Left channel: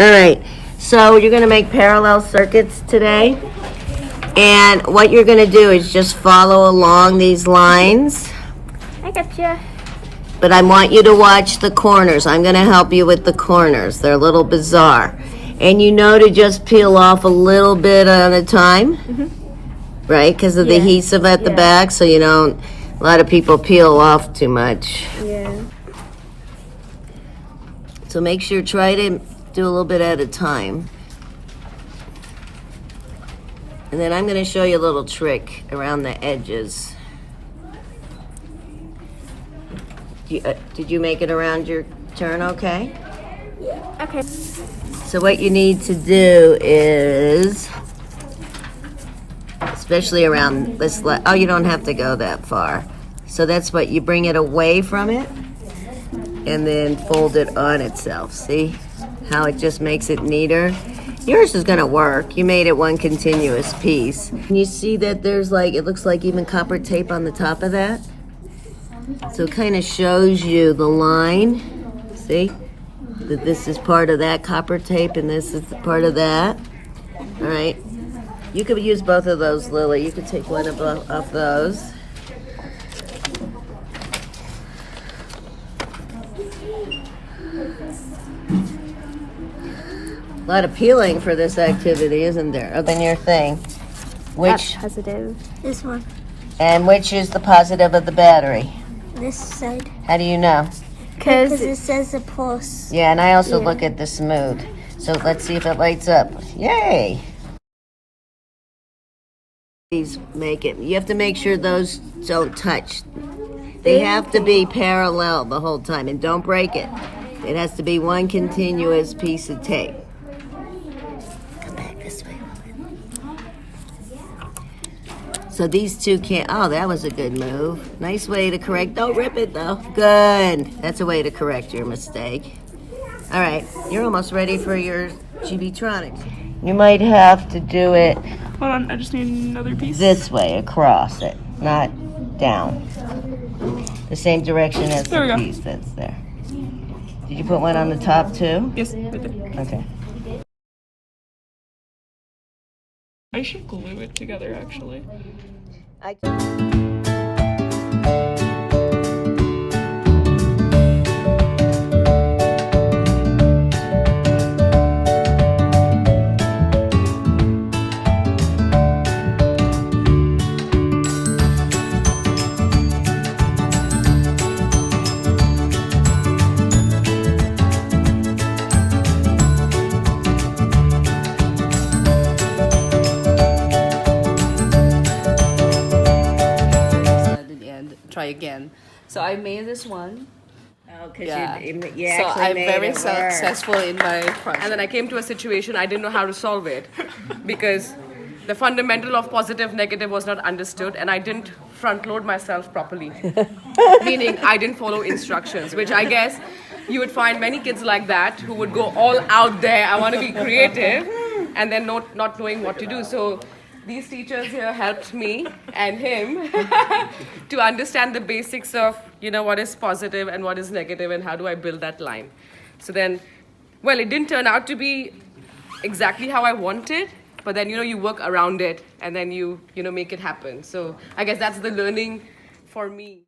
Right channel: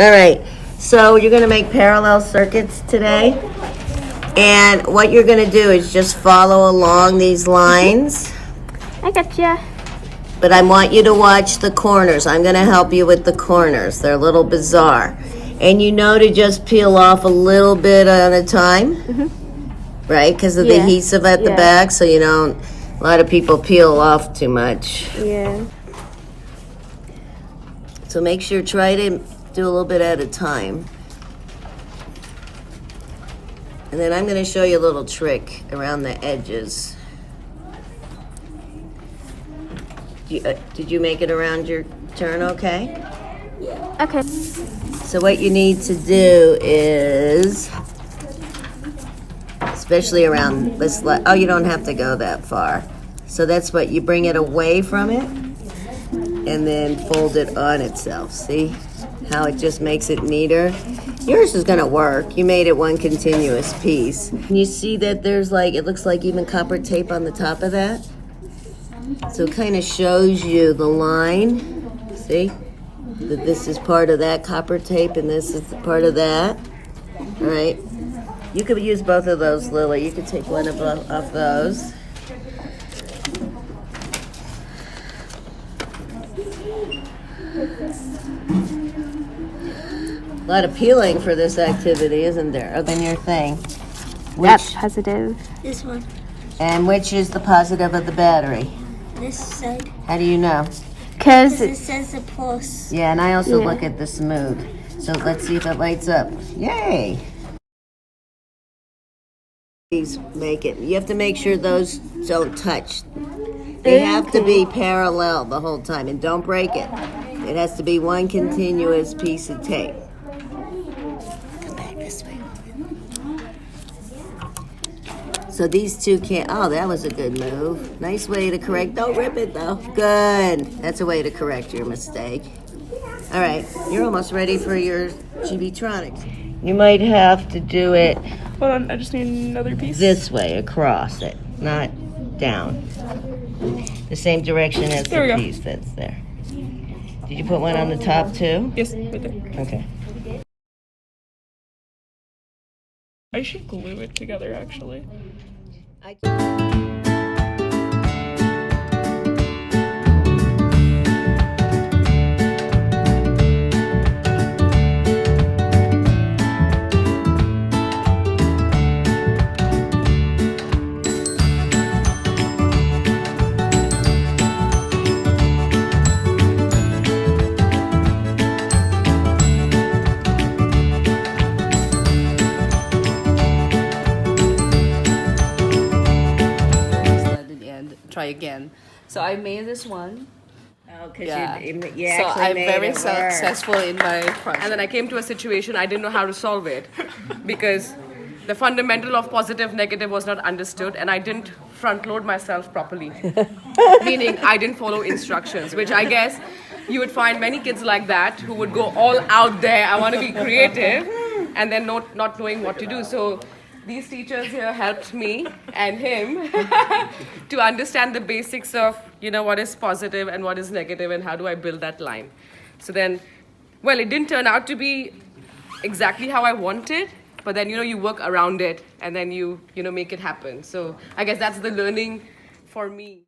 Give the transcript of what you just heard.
All right, so you're gonna make parallel circuits today. And what you're gonna do is just follow along these lines. I gotcha. But I want you to watch the corners. I'm gonna help you with the corners. They're a little bizarre. And you know to just peel off a little bit at a time, right? Because of the adhesive at the back, so you don't, a lot of people peel off too much. Yeah. So make sure, try to do a little bit at a time. And then I'm going to show you a little trick around the edges. Did you make it around your turn okay? Yeah. Okay. So what you need to do is, especially around this, oh, you don't have to go that far. So that's what, you bring it away from it and then fold it on itself. See how it just makes it neater? Yours is gonna work. You made it one continuous piece. You see that there's like, it looks like even copper tape on the top of that? So it kind of shows you the line, see? That this is part of that copper tape and this is part of that. All right. You could use both of those, Lily. You could take one of those. A lot of peeling for this activity, isn't there? Open your thing. Which positive? This one. And which is the positive of the battery? This side. How do you know? Because it says a plus. Yeah, and I also look at the smooth. So let's see if it lights up. Yay! These make it. You have to make sure those don't touch. They have to be parallel the whole time, and don't break it. It has to be one continuous piece of tape. Come back this way. So these two can't, oh, that was a good move. Nice way to correct, don't rip it though. Good, that's a way to correct your mistake. All right, you're almost ready for your Chibitronic. You might have to do it. Hold on, I just need another piece. This way, across it, not down. The same direction as the piece that's there. Did you put one on the top too? Yes, right there. Okay. I should glue it together, actually. Try again. So I made this one. Oh, because you so I'm very successful in my project. And then I came to a situation I didn't know how to solve it because the fundamental of positive negative was not understood and I didn't front load myself properly. Meaning I didn't follow instructions, which I guess you would find many kids like that who would go all out there, I want to be creative, and then not knowing what to do. So these teachers here helped me and him to understand the basics of, what is positive and what is negative and how do I build that line. So then, well, it didn't turn out to be exactly how I wanted, but then, you work around it and then you make it happen. So I guess that's the learning for me.